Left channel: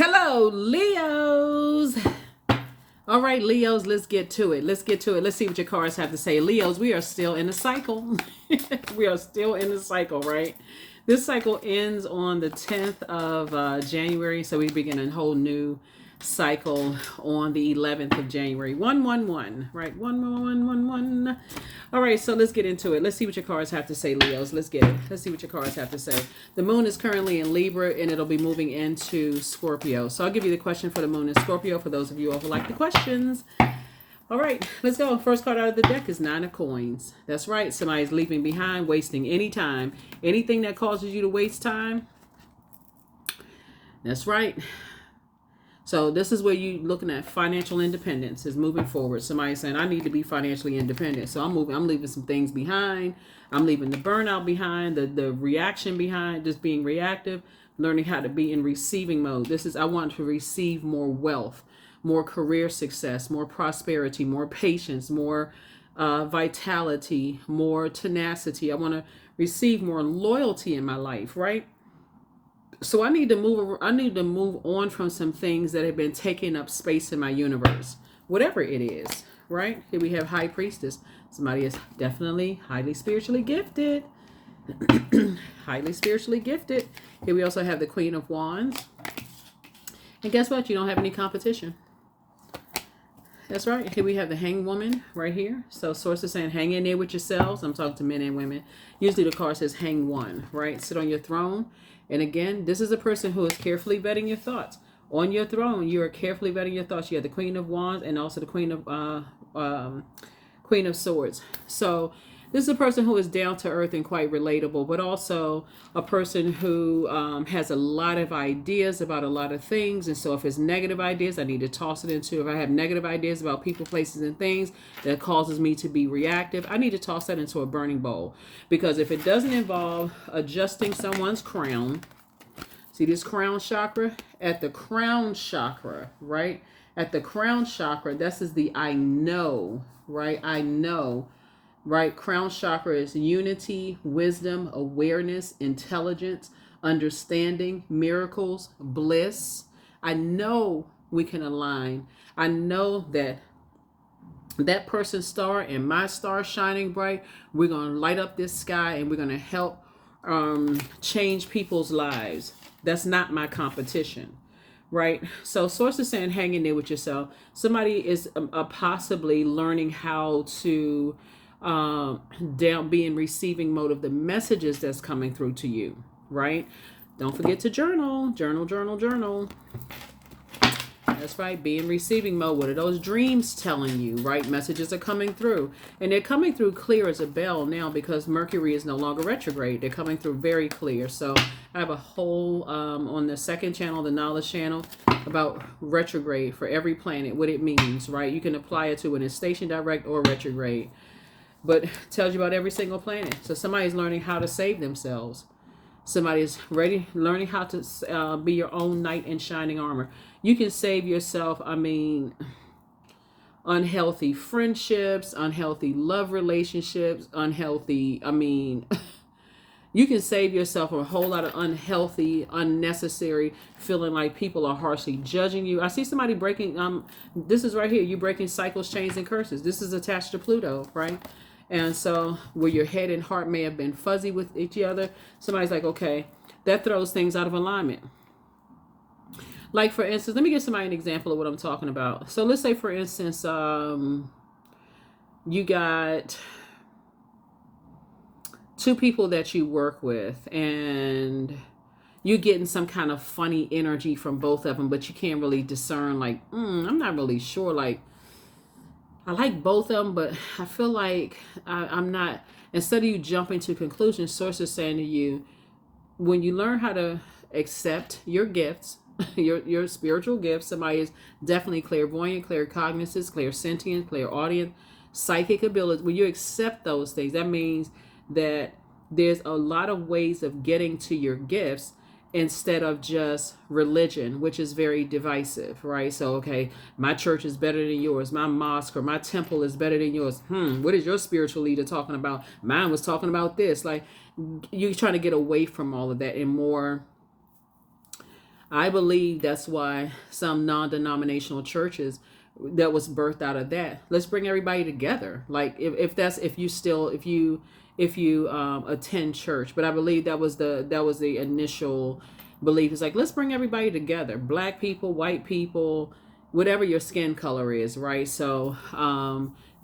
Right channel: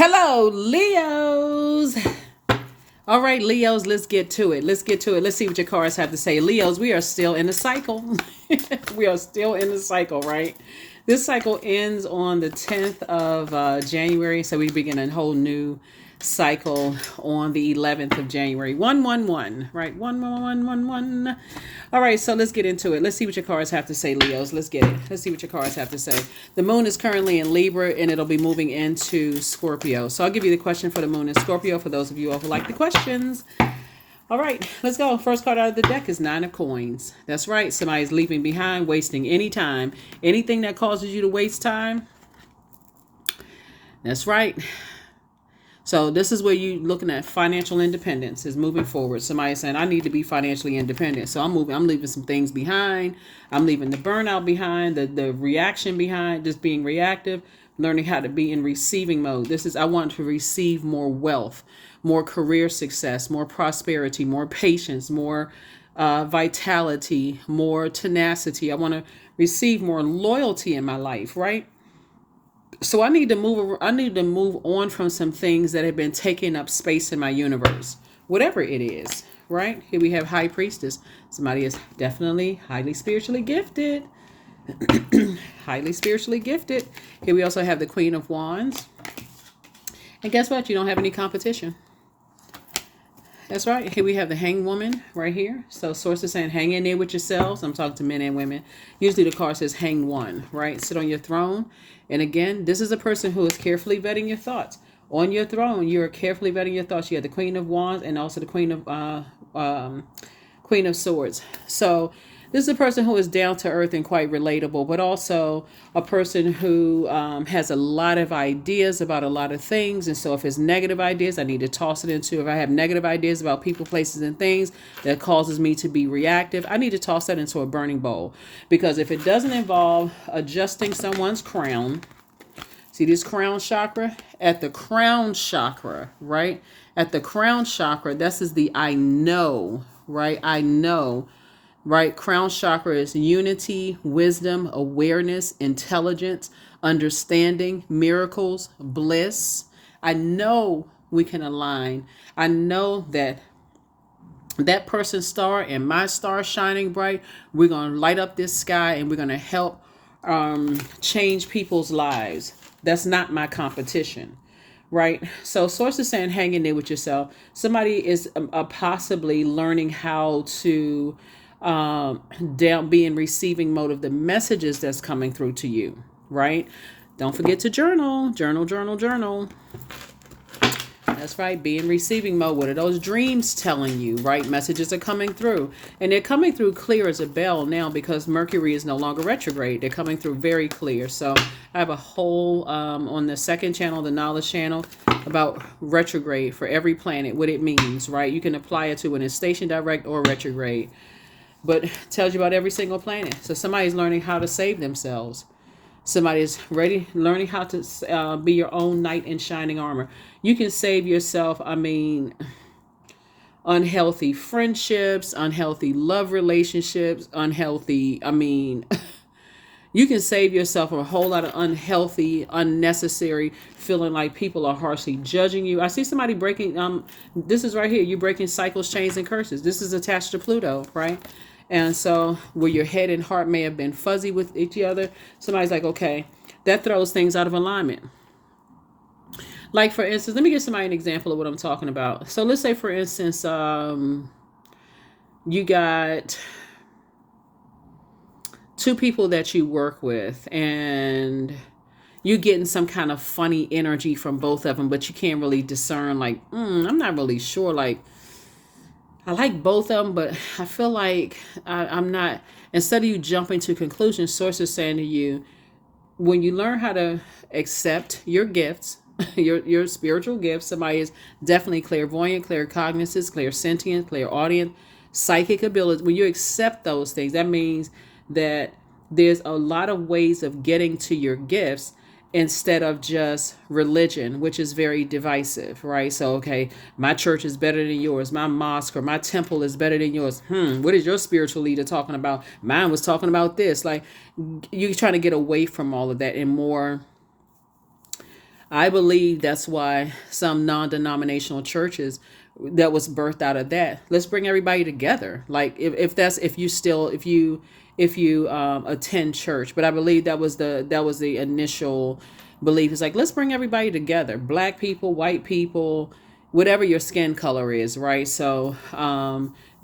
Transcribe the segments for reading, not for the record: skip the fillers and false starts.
Hello, Leos. All right, Leos, let's get to it. Let's get to it. Let's see what your cards have to say. Leos, we are still in the cycle. We are still in the cycle, right? This cycle ends on the 10th of January. So we begin a whole new cycle on the 11th of January. 111, right? 11111. All right, so let's get into it. Let's see what your cards have to say, Leos. Let's get it. Let's see what your cards have to say. The moon is currently in Libra and it'll be moving into Scorpio. So I'll give you the question for the moon in Scorpio for those of you who like the questions. All right, let's go. First card out of the deck is Nine of Coins. That's right. Somebody's leaving behind, wasting any time. Anything that causes you to waste time. That's right. So this is where you looking at financial independence is moving forward. Somebody's saying, I need to be financially independent. So I'm leaving some things behind. I'm leaving the burnout behind, the reaction behind, just being reactive, learning how to be in receiving mode. I want to receive more wealth, more career success, more prosperity, more patience, more vitality, more tenacity. I want to receive more loyalty in my life, right? So I need to move on from some things that have been taking up space in my universe, whatever it is, right? Here we have High Priestess. Somebody is definitely highly spiritually gifted. Highly spiritually gifted. Here we also have the Queen of Wands. And guess what? You don't have any competition. That's right. Here we have the Hanged Woman right here. So source is saying hang in there with yourselves. I'm talking to men and women. Usually the card says hang one, right? Sit on your throne. And again, this is a person who is carefully vetting your thoughts. On your throne, you're carefully vetting your thoughts. You have the Queen of Wands and also the Queen of Swords. So this is a person who is down to earth and quite relatable, but also a person who has a lot of ideas about a lot of things. And so if it's negative ideas, I need to toss it into. If I have negative ideas about people, places, and things that causes me to be reactive, I need to toss that into a burning bowl. Because if it doesn't involve adjusting someone's crown, see this crown chakra? At the crown chakra, right? At the crown chakra, this is the I know, right? I know. Right? Crown chakra is unity, wisdom, awareness, intelligence, understanding, miracles, bliss. I know we can align. I know that person's star and my star shining bright. We're going to light up this sky and we're going to help change people's lives. That's not my competition. Right? So source is saying hang in there with yourself. Somebody is possibly learning how to be in receiving mode of the messages that's coming through to you, right? Don't forget to journal. That's right. Be in receiving mode. What are those dreams telling you, right? Messages are coming through. And they're coming through clear as a bell now because Mercury is no longer retrograde. They're coming through very clear. So I have a whole, on the second channel, the knowledge channel, about retrograde for every planet, what it means, right? You can apply it to when it's station direct or retrograde. But it tells you about every single planet. So somebody's learning how to save themselves. Somebody's learning how to be your own knight in shining armor. You can save yourself, unhealthy friendships, unhealthy love relationships, you can save yourself from a whole lot of unhealthy, unnecessary feeling like people are harshly judging you. I see somebody breaking, this is right here, you breaking cycles, chains, and curses. This is attached to Pluto, right? And so where your head and heart may have been fuzzy with each other, somebody's like, okay, that throws things out of alignment. Like, for instance, let me give somebody an example of what I'm talking about. So let's say, for instance, you got two people that you work with and you're getting some kind of funny energy from both of them, but you can't really discern, like, I'm not really sure, like, I like both of them, but I feel like I'm not. Instead of you jumping to conclusions, source is saying to you, when you learn how to accept your gifts, your spiritual gifts, somebody is definitely clairvoyant, claircognizant, clairsentient, clairaudient, psychic ability. When you accept those things, that means that there's a lot of ways of getting to your gifts instead of just religion, which is very divisive, right? So, okay, my church is better than yours. My mosque or my temple is better than yours. What is your spiritual leader talking about? Mine was talking about this. Like, you're trying to get away from all of that and more I believe that's why some non-denominational churches that was birthed out of that. Let's bring everybody together. Like if that's if you attend church, but I believe that was the initial belief. It's like let's bring everybody together, black people, white people, whatever your skin color is, right? So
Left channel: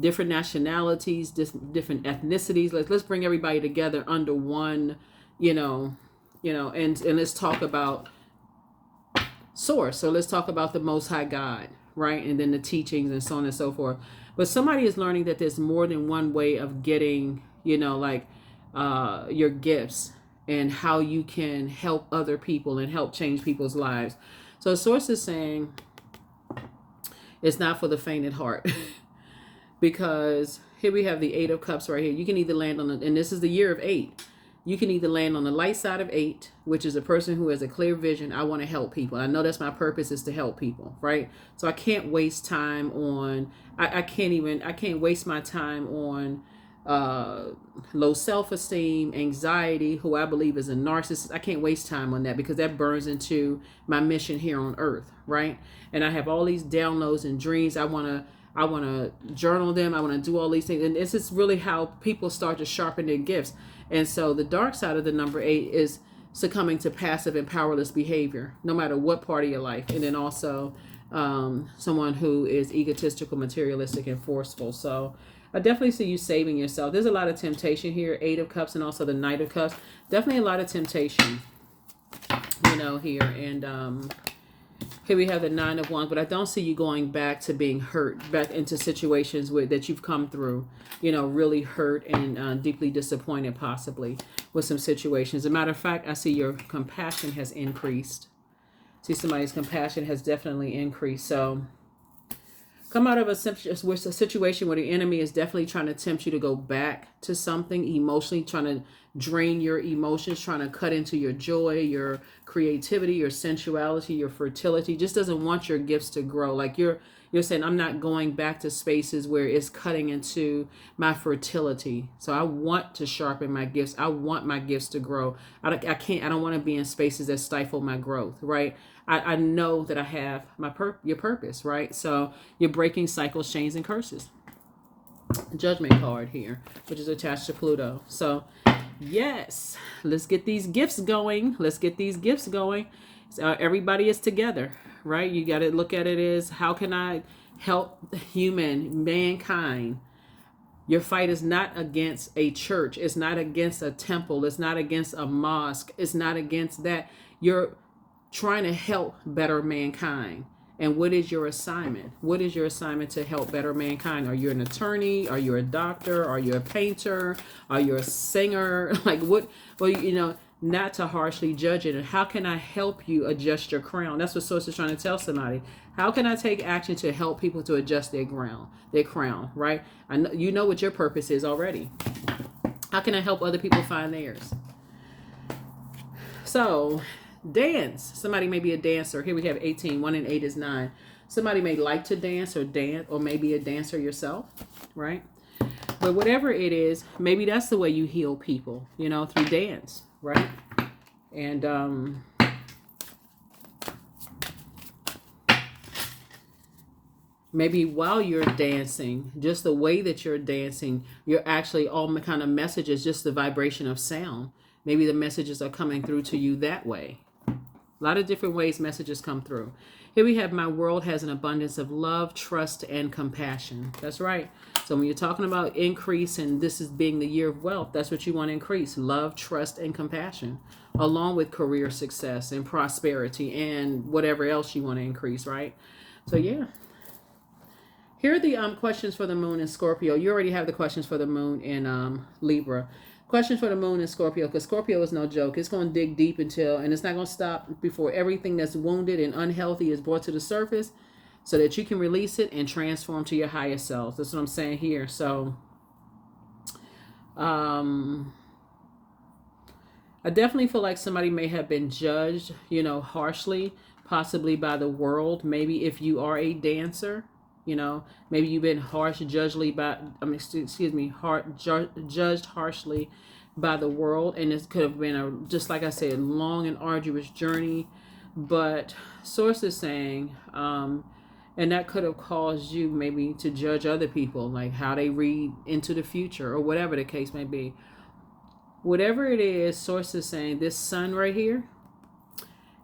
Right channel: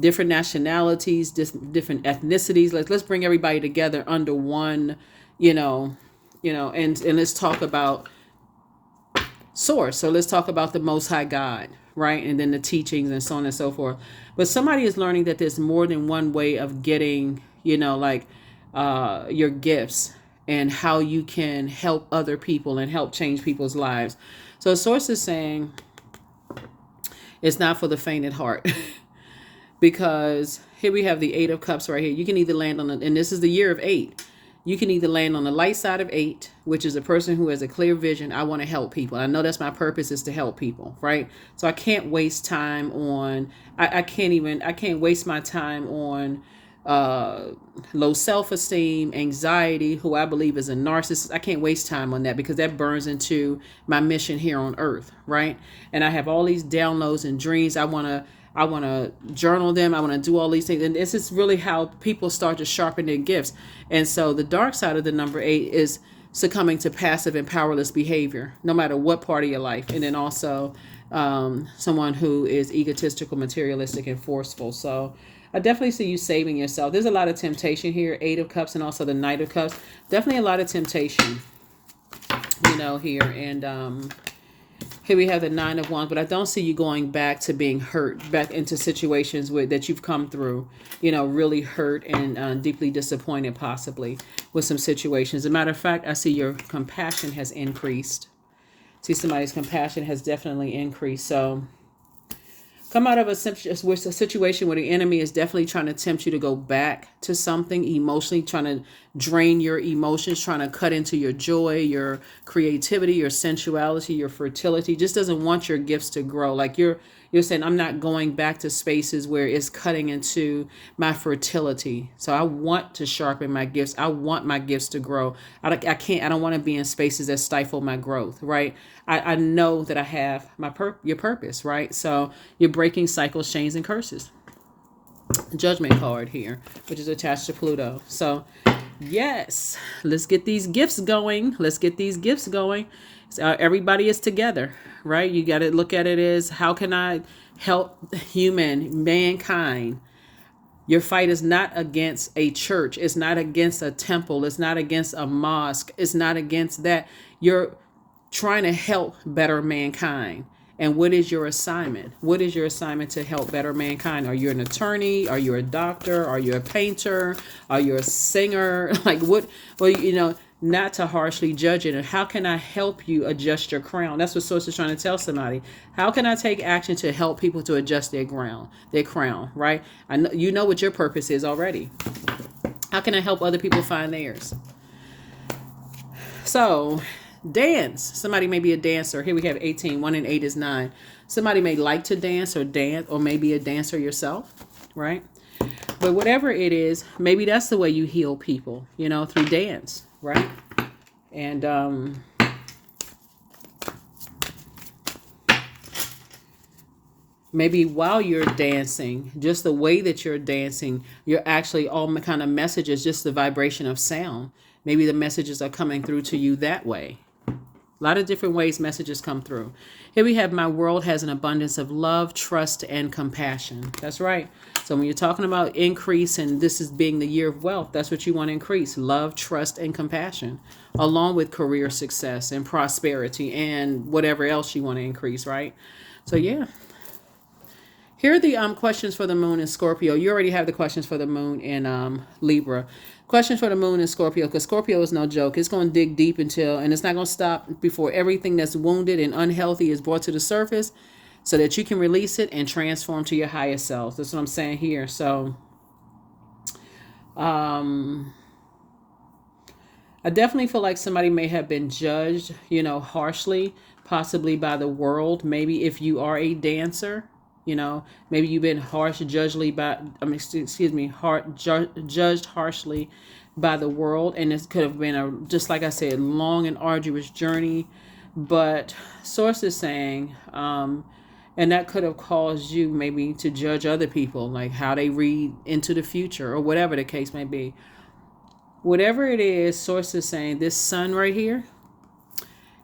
different nationalities, different ethnicities. Let's bring everybody together under one, you know, and let's talk about source. So let's talk about the Most High God, right? And then the teachings and so on and so forth. But somebody is learning that there's more than one way of getting, your gifts and how you can help other people and help change people's lives. So source is saying it's not for the faint at heart. Because here we have the Eight of Cups right here. You can either land on and this is the year of 8. You can either land on the light side of 8, which is a person who has a clear vision. I want to help people. I know that's my purpose, is to help people, right? So I can't waste time on, I can't waste my time on low self-esteem, anxiety, who I believe is a narcissist. I can't waste time on that because that burns into my mission here on earth, right? And I have all these downloads and dreams. I want to journal them. I want to do all these things. And this is really how people start to sharpen their gifts. And so the dark side of the number 8 is succumbing to passive and powerless behavior, no matter what part of your life. And then also someone who is egotistical, materialistic, and forceful. So I definitely see you saving yourself. There's a lot of temptation here, 8 of Cups and also the Knight of Cups. Definitely a lot of temptation, here. And here we have the 9 of Wands, but I don't see you going back to being hurt, back into situations that you've come through, really hurt and deeply disappointed possibly with some situations. As a matter of fact, I see your compassion has increased. See, somebody's compassion has definitely increased. So come out of a situation where the enemy is definitely trying to tempt you to go back to something emotionally, trying to drain your emotions, trying to cut into your joy, your creativity, your sensuality, your fertility. Just doesn't want your gifts to grow. Like you're saying, I'm not going back to spaces where it's cutting into my fertility. So I want to sharpen my gifts. I want my gifts to grow. I don't want to be in spaces that stifle my growth, right? I know that I have your purpose, right? So you're breaking cycles, chains, and curses. Judgment card here, which is attached to Pluto. So yes, let's get these gifts going. Everybody is together, right? You got to look at it as, how can I help mankind? Your fight is not against a church. It's not against a temple. It's not against a mosque. It's not against that. You're trying to help better mankind. And what is your assignment? What is your assignment to help better mankind? Are you an attorney? Are you a doctor? Are you a painter? Are you a singer? Like what? Well, not to harshly judge it. And how can I help you adjust your crown? That's what Source is trying to tell somebody. How can I take action to help people to adjust their crown, right? I know, you know what your purpose is already. How can I help other people find theirs? So dance. Somebody may be a dancer. Here we have 18. 1 and 8 is 9. Somebody may like to dance or maybe a dancer yourself, right? But whatever it is, maybe that's the way you heal people, through dance, right? And maybe while you're dancing, just the way that you're dancing, you're actually all kind of messages, just the vibration of sound. Maybe the messages are coming through to you that way. A lot of different ways messages come through. Here we have, my world has an abundance of love, trust, and compassion. That's right. So when you're talking about increase, and this is being the year of wealth, that's what you want to increase. Love, trust, and compassion, along with career success and prosperity and whatever else you want to increase, right? So yeah. Here are the questions for the moon in Scorpio. You already have the questions for the moon in Libra. Questions for the moon in Scorpio, because Scorpio is no joke. It's going to dig deep and it's not going to stop before everything that's wounded and unhealthy is brought to the surface, so that you can release it and transform to your higher self. That's what I'm saying here. So I definitely feel like somebody may have been judged, harshly, possibly by the world. Maybe if you are a dancer, maybe you've been judged harshly by the world. And this could have been just like I said, long and arduous journey But source is saying, and that could have caused you maybe to judge other people, like how they read into the future or whatever the case may be. Whatever it is, source is saying this sun right here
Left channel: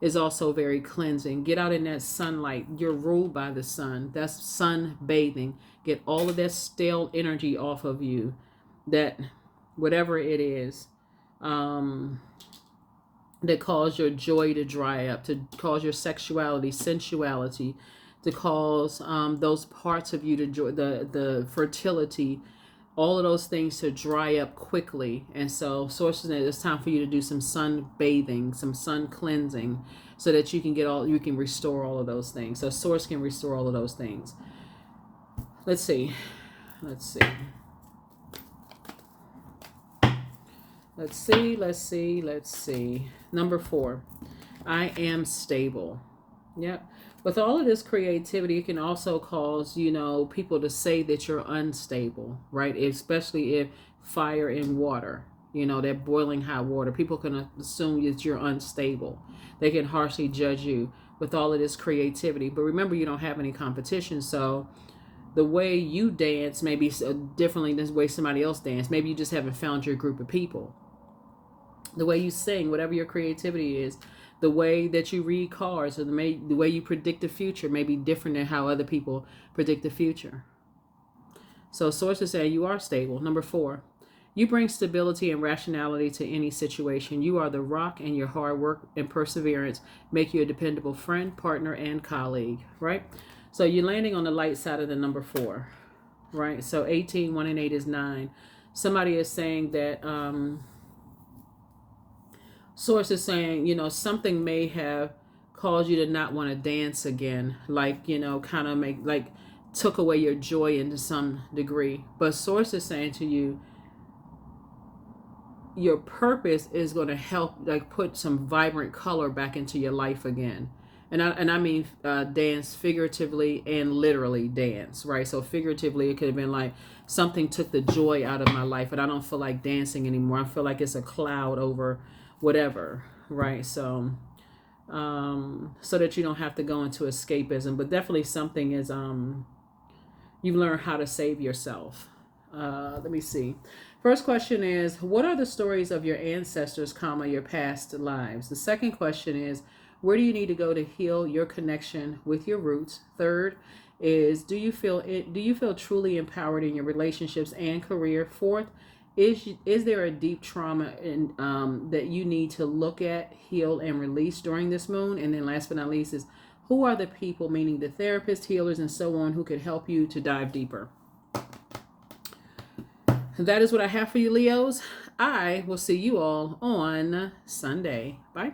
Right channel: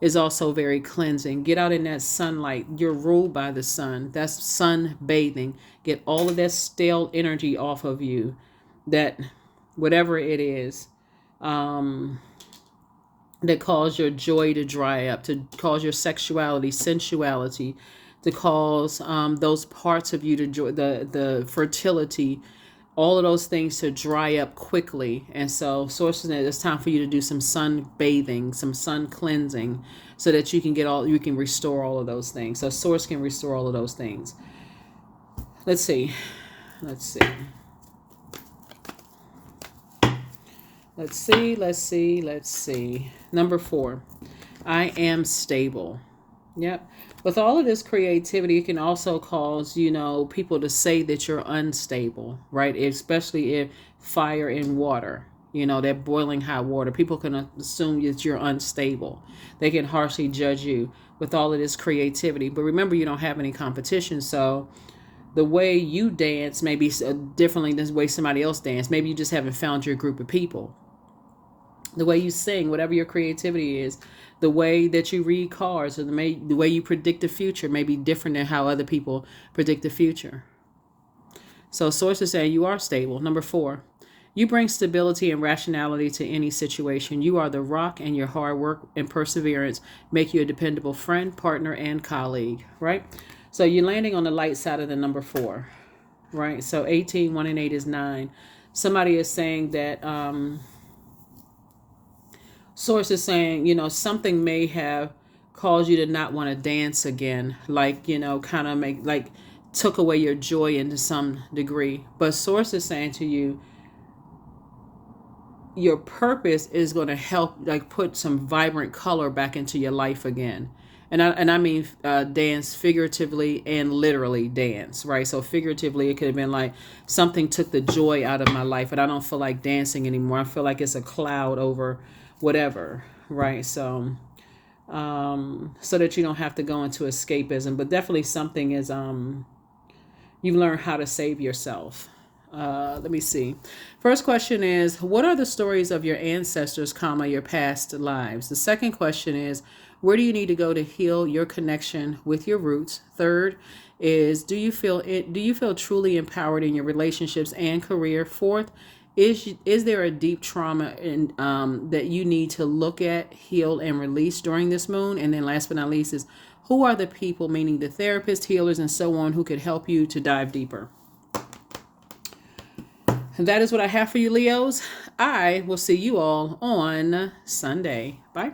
is also very cleansing. Get out in that sunlight. You're ruled by the sun. That's sun bathing. Get all of that stale energy off of you. That whatever it is, that cause your joy to dry up, to cause your sexuality, sensuality, to cause those parts of you to joy, the fertility, all of those things to dry up quickly. And so sources that it's time for you to do some sun bathing, some sun cleansing, so that you can restore all of those things. So source can restore all of those things. Let's see. Let's see. Let's see, let's see, let's see. Number 4, I am stable. Yep. With all of this creativity, it can also cause, people to say that you're unstable, right? Especially if fire and water, that boiling hot water. People can assume that you're unstable. They can harshly judge you with all of this creativity. But remember, you don't have any competition. So the way you dance may be differently than the way somebody else dance. Maybe you just haven't found your group of people. The way you sing, whatever your creativity is, the way that you read cards, or the way you predict the future may be different than how other people predict the future. So sources say you are stable. Number 4, you bring stability and rationality to any situation. You are the rock, and your hard work and perseverance make you a dependable friend, partner, and colleague, right? So you're landing on the light side of the number 4, right? So 18, 1 and 8 is 9. Somebody is saying that... source is saying, something may have caused you to not want to dance again, like, kind of took away your joy into some degree. But source is saying to you, your purpose is going to help, like, put some vibrant color back into your life again. And I mean dance figuratively and literally dance, right? So figuratively, it could have been like something took the joy out of my life, and I don't feel like dancing anymore. I feel like it's a cloud over whatever, right? So so that you don't have to go into escapism, but definitely something is you learn how to save yourself. Let me see. First question is, what are the stories of your ancestors, your past lives? The second question is, where do you need to go to heal your connection with your roots? Third is, do you feel truly empowered in your relationships and career? Fourth, is there a deep trauma that you need to look at, heal, and release during this moon? And then last but not least is, who are the people, meaning the therapists, healers, and so on, who could help you to dive deeper? And that is what I have for you, Leos. I will see you all on Sunday. Bye.